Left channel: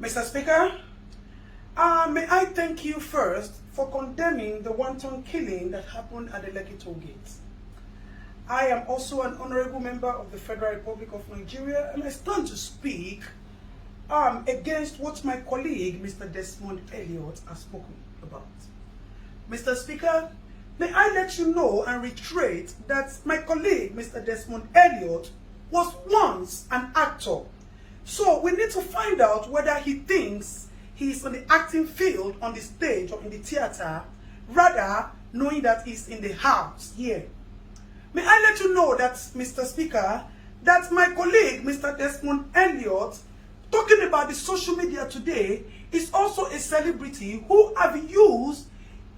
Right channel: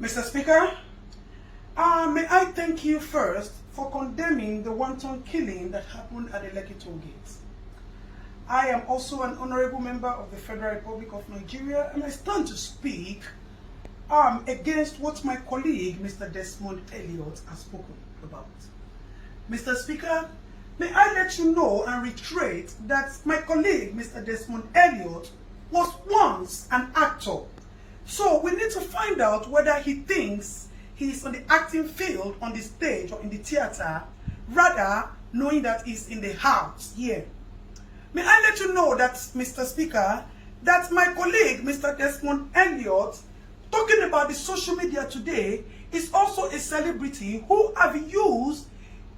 Mr. Speaker, may I thank you first for condemning the wanton killing that happened at the Lekki toll gate. I am also an honorable member of the Federal Republic of Nigeria, and I stand to speak against what my colleague, Mr. Desmond Elliot, has spoken about. Mr. Speaker, may I let you know and reiterate that my colleague, Mr. Desmond Elliot, was once an actor. So we need to find out whether he thinks he's on the acting field, on the stage or in the theater, rather knowing that he's in the house here. May I let you know that, Mr. Speaker, that my colleague, Mr. Desmond Elliot, talking about the social media today, is also a celebrity who have used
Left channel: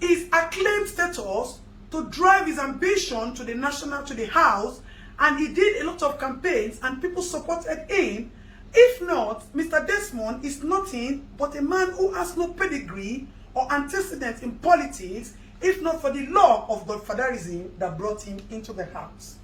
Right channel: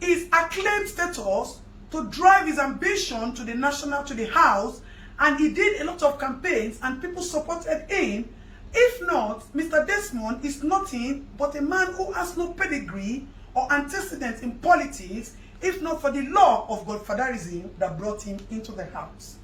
his acclaimed status to drive his ambition to the national, to the house, and he did a lot of campaigns and people supported him. If not, Mr. Desmond is nothing but a man who has no pedigree or antecedents in politics, if not for the law of godfatherism that brought him into the house.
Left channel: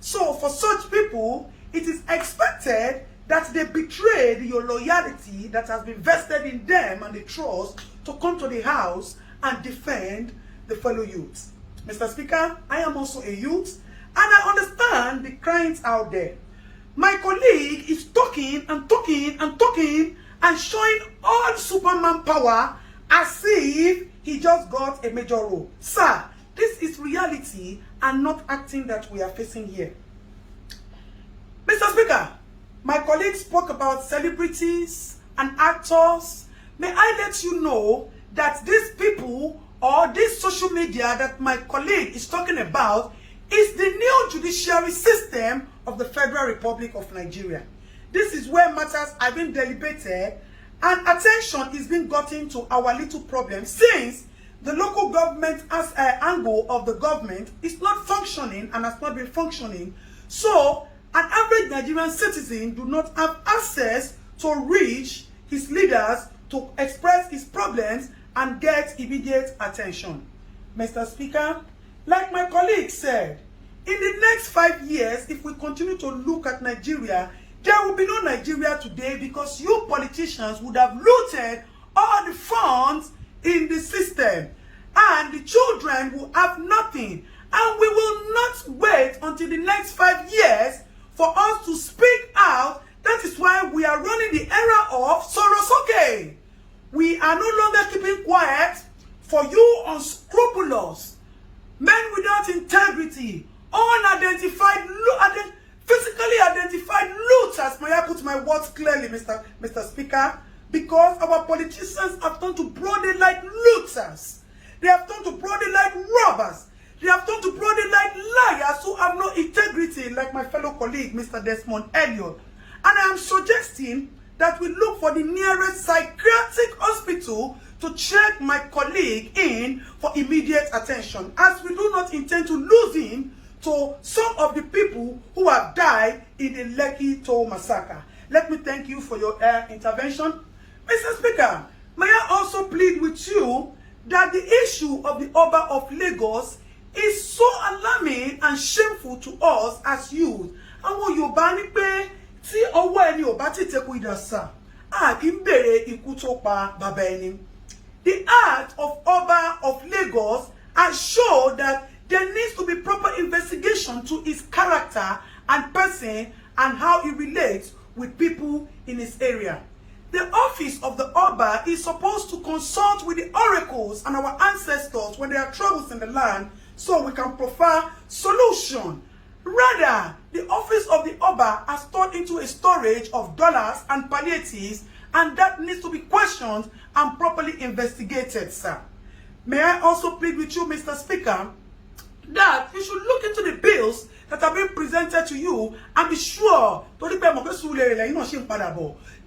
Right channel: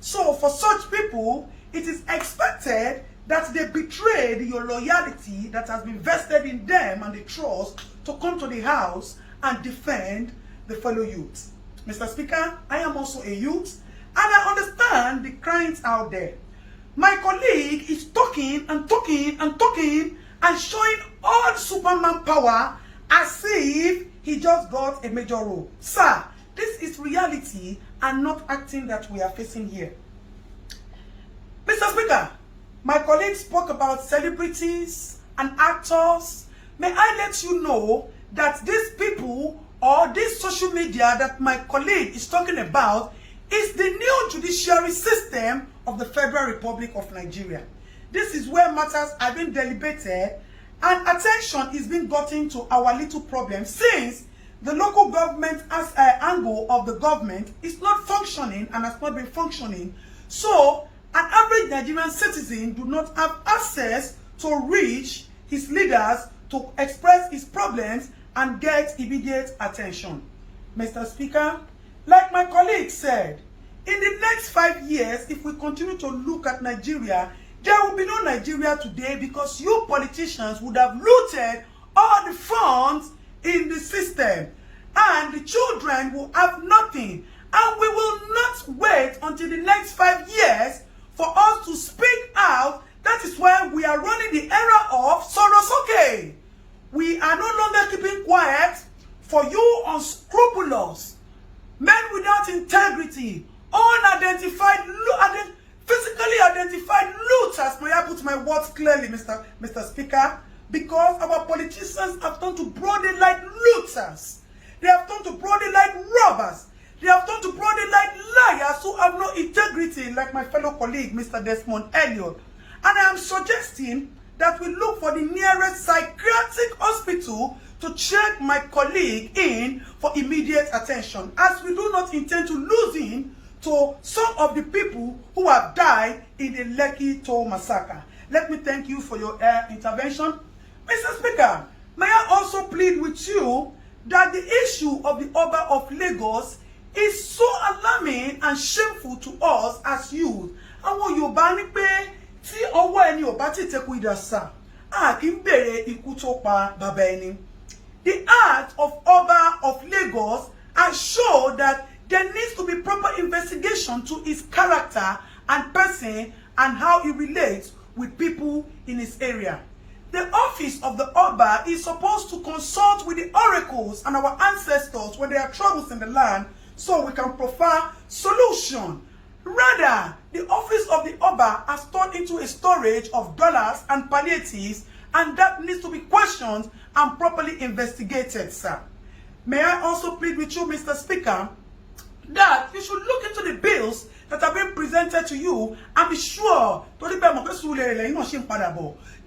So for such people, it is expected that they betrayed your loyalty that has been vested in them and the trust to come to the house and defend the fellow youth. Mr. Speaker, I am also a youth and I understand the cryings out there. My colleague is talking and talking and talking and showing all Superman power as if he just got a major role. Sir, this is reality and not acting that we are facing here. Mr. Speaker, my colleague spoke about celebrities and actors. May I let you know that these people or this social media that my colleague is talking about is the new judiciary system of the Federal Republic of Nigeria. This is where matters are being deliberated and attention is being gotten to our little problem, since the local government as an angle of the government is not functioning and has not been functioning. So an average Nigerian citizen do not have access to reach his leaders to express his problems and get immediate attention. Mr. Speaker, like my colleague said, in the next 5 years, if we continue to look at Nigeria, there will be no Nigeria today because you politicians would have looted all the funds in the system and the children will have nothing. And we will not wait until the next 5 years for us to speak out. That is why we are running the era of Sorosoke. We are no longer keeping quiet for you unscrupulous, men without integrity, unidentified, physically identified looters. May I put my words clearly, Mr. Speaker? Because our politicians have turned to broad daylight looters. They have turned to broad daylight robbers. They have turned to broad daylight liars who have no integrity, like my fellow colleague, Mr. Desmond Elliot. And I am suggesting that we look for the nearest psychiatric hospital to check my colleague in for immediate attention, as we do not intend to lose him to some of the people who have died in the Lekki toll massacre. Let me thank you for your intervention. Mr. Speaker, may I also plead with you that the issue of the Oba of Lagos is so alarming and shameful to us as youth. Àwọn Yorùbá ní pé tí ọwọ́ ẹni ò bá ti tẹkù idà sà, a kì í bèrè ikú tó pa bàbá ẹni. The act of Oba of Lagos has shown that there needs to be proper investigation to his character and person and how he relates with people in his area. The office of the Oba is supposed to consult with the oracles and our ancestors when there are troubles in the land, so we can provide solution. Rather, the office of the Oba has turned into a storage of dollars and palliatives, and that needs to be questioned and properly investigated, sir. May I also plead with you, Mr. Speaker, that you should look into the bills that have been presented to you and be sure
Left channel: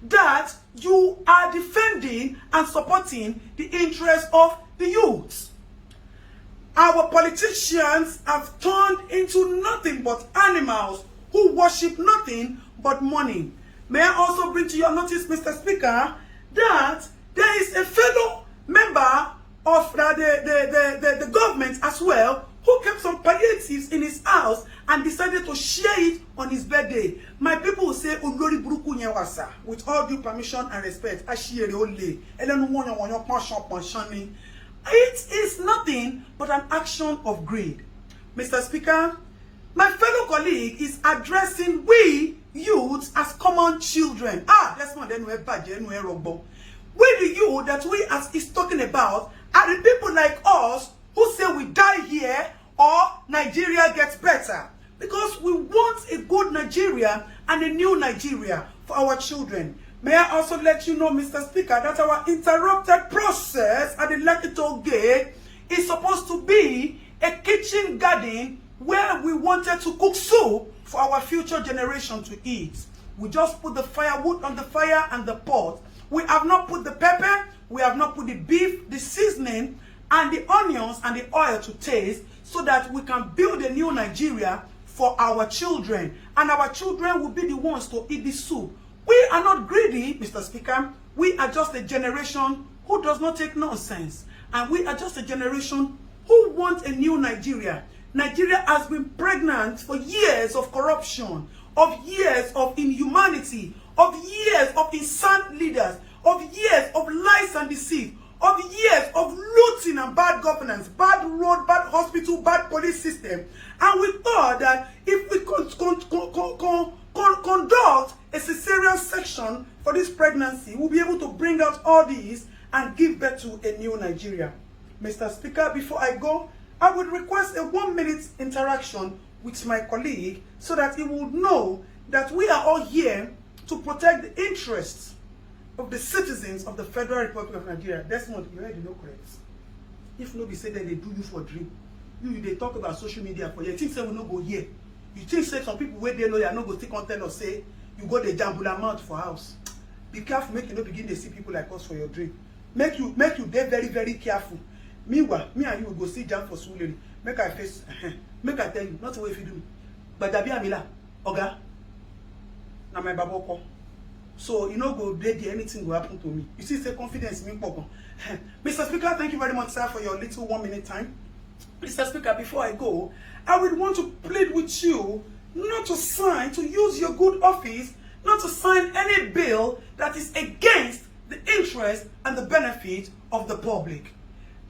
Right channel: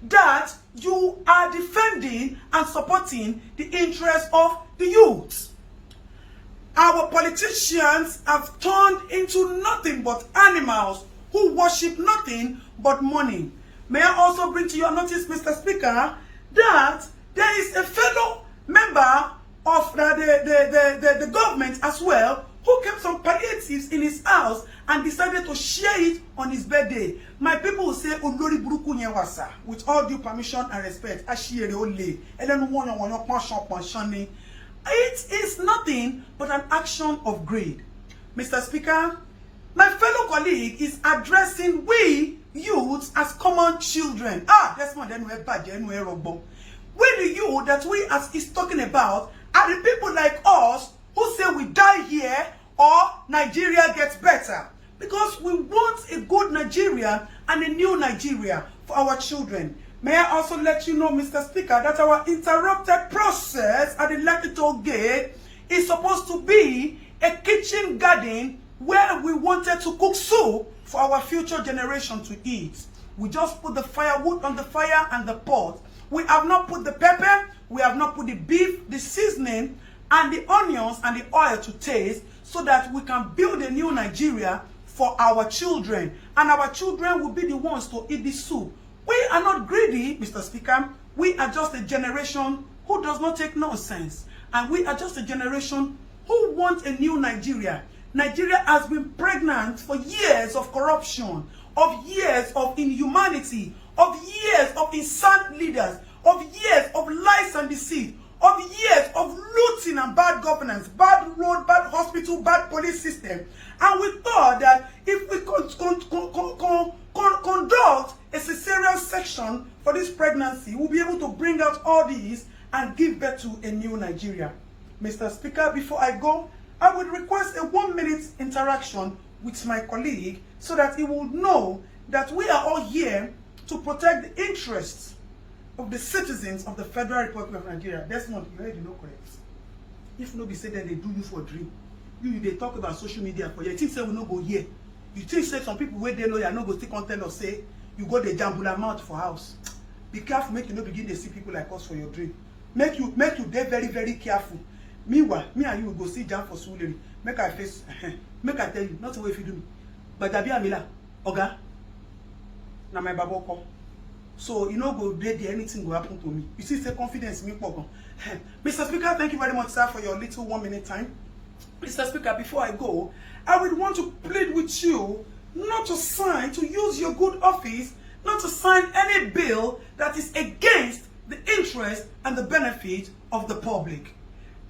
that you are defending and supporting the interests of the youth. Our politicians have turned into nothing but animals who worship nothing but money. May I also bring to your notice, Mr. Speaker, that there is a fellow member of the government as well who kept some palliatives in his house and decided to share it on his birthday. My people will say, Olori Buruku Nyewasa, with all due permission and respect, Ashiere Ole, and then it is nothing but an action of greed. Mr. Speaker, my fellow colleague is addressing we youths as common children. That's not then we're bad, then we're wrong. We the youth that we as is talking about are the people like us who say we die here or Nigeria gets better. Because we want a good Nigeria and a new Nigeria for our children. May I also let you know, Mr. Speaker, that our interrupted process at the Lekki Gate is supposed to be a kitchen garden where we wanted to cook soup for our future generation to eat. We just put the firewood on the fire and the pot. We have not put the pepper, we have not put the beef, the seasoning, and the onions and the oil to taste so that we can build a new Nigeria for our children. And our children will be the ones to eat the soup. We are not greedy, Mr. Speaker. We are just a generation who does not take nonsense. And we are just a generation who want a new Nigeria. Nigeria has been pregnant for years of corruption, of years of inhumanity, of years of insane leaders, of years of lies and deceit, of years of looting and bad governance, bad road, bad hospital, bad police system. And we thought that if we could conduct a cesarean section for this pregnancy, we'll be able to bring out all these and give birth to a new Nigeria. Mr. Speaker, before I go, I would request a 1-minute interaction with my colleague so that he will know that we are all here to protect the interests of the citizens of the Federal Republic of Nigeria. Desmond, you already know correct. If nobody say that they do you for dream, they talk about social media for you. You think say we no go here. You think say some people where they know you are not going to content or say you got the jambula mouth for house. Be careful, make you not begin to see people like us for your dream. Make you be very, very careful. Meanwhile, me and you will go see jam for Suleri. Make I face, make I tell you, not the way if you do. But Dabi Amila, Oga, na my baboko. So you know go there, anything will happen to me. You see, say confidence in me, Pogo. Mr. Speaker, thank you very much, sir, for your little 1-minute time. Mr. Speaker, before I go, I would want to plead with you not to sign, to use your good office, not to sign any bill that is against the interest and the benefit of the public.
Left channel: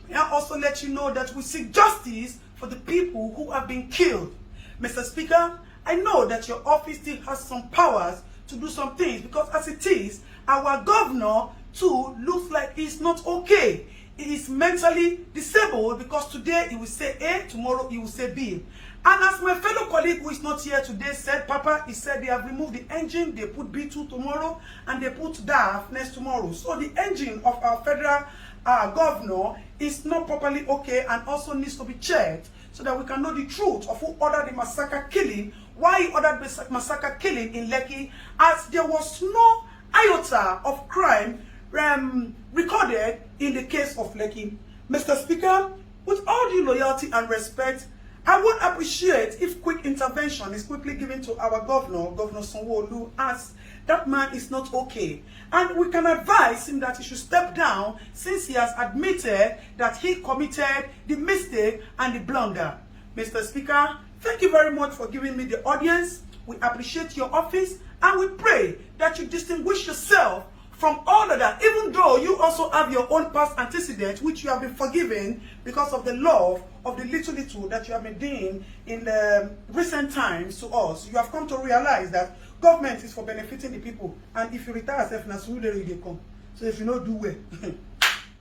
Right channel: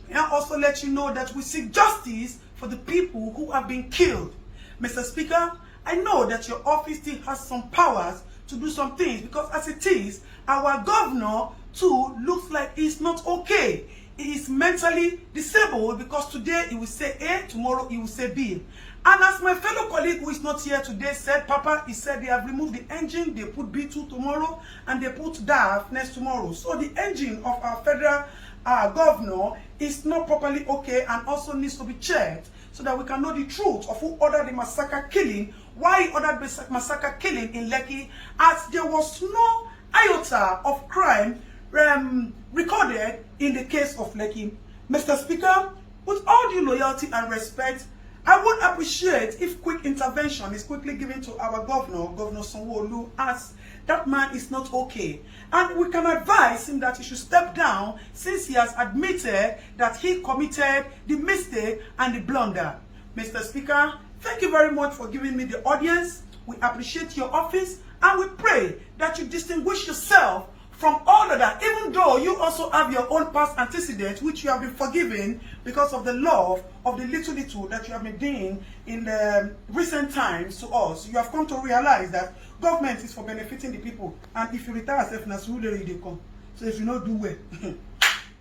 May I also let you know that we seek justice for the people who have been killed. Mr. Speaker, I know that your office still has some powers to do some things because as it is, our governor too looks like he's not okay. He is mentally disabled because today he will say A, tomorrow he will say B. And as my fellow colleague who is not here today said, Papa, he said they have removed the engine, they put B2 tomorrow, and they put DAF next tomorrow. So the engine of our federal governor is not properly okay and also needs to be checked so that we can know the truth of who ordered the massacre killing, why he ordered the massacre killing in Lekki, as there was no iota of crime recorded in the case of Lekki. Mr. Speaker, with all due loyalty and respect, I would appreciate if quick intervention is quickly given to our governor, Governor Sanwo-Olu, as that man is not okay. And we can advise him that he should step down since he has admitted that he committed the mistake and the blunder. Mr. Speaker, thank you very much for giving me the audience. We appreciate your office and we pray that you distinguish yourself from all of that, even though you also have your own past antecedents, which you have been forgiven because of the love of the little that you have been doing in the recent times to us. You have come to realize that government is for benefiting the people, and if you retire yourself, na Suleri they come. So if you not do well,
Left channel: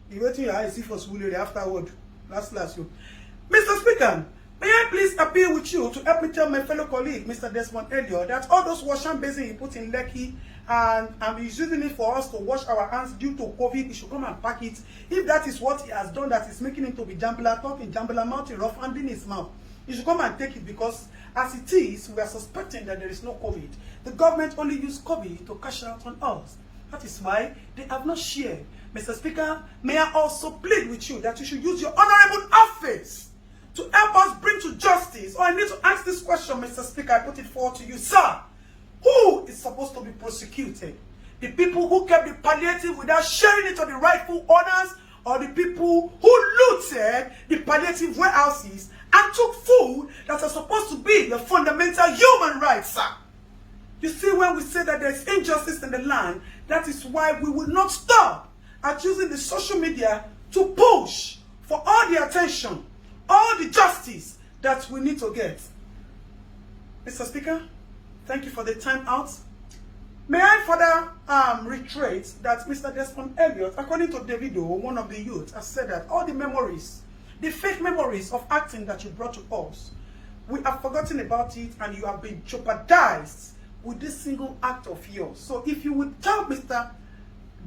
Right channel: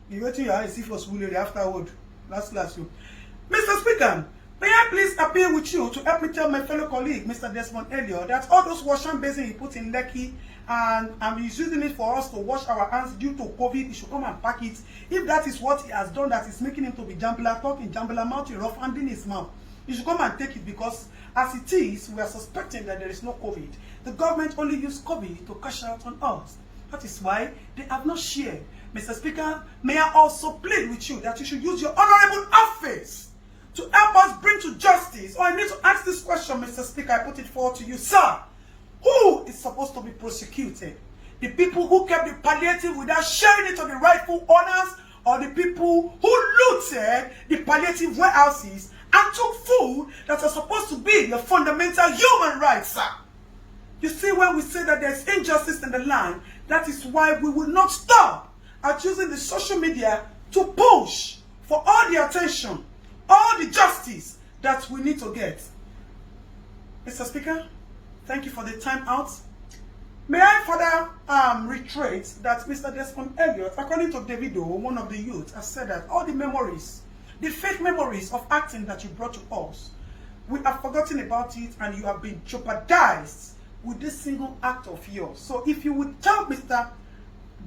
you wait till your eyes see for Suleri afterward. Last you. Mr. Speaker, may I please appeal with you to help me tell my fellow colleague, Mr. Desmond Elliott, that all those wash hand basins he put in Lekki and he's using it for us to wash our hands due to COVID, he should come and pack it. If that is what he has done, that is making him to be jambula talking, jambula mouth, rough handing his mouth, he should come and take it because as it is, we are suspecting that there is no COVID. The government only used COVID to cash out on us. That is why they have not shared. Mr. Speaker, may I also plead with you that you should use your honorable office to help us bring to justice. I need to ask this question, Mr. Speaker. I put it forward to you, sir. Who is supposed to be prosecuted? The people who kept the palliative without sharing it to the rightful owners, or the people who looted the palliative warehouses and took food that are supposed to be your fundamental human rights, sir. You see, when we say that there's injustice in the land, that is why we will not stop at using the social media to push for all the attention, all the justice that we need to get. Mr. Speaker, thank you for the time out. May I further reiterate that Mr. Desmond Elliot, according to Davido, one of the youth, has said that all the memories, the fake memories of acting that you brought to us, we have forgotten about it and you have been jeopardized with this single act of yours. So if you would tell Mr.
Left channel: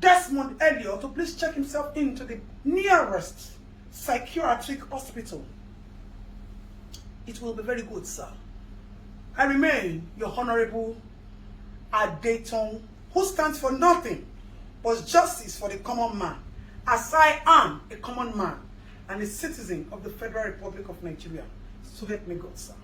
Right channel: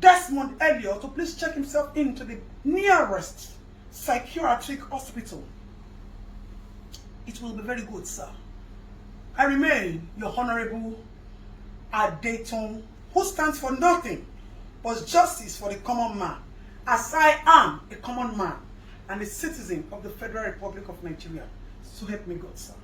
Desmond Elliot to please check himself into the nearest psychiatric hospital, it will be very good, sir. I remain your Honorable Adeton, who stands for nothing but justice for the common man, as I am a common man and a citizen of the Federal Republic of Nigeria. So help me God, sir.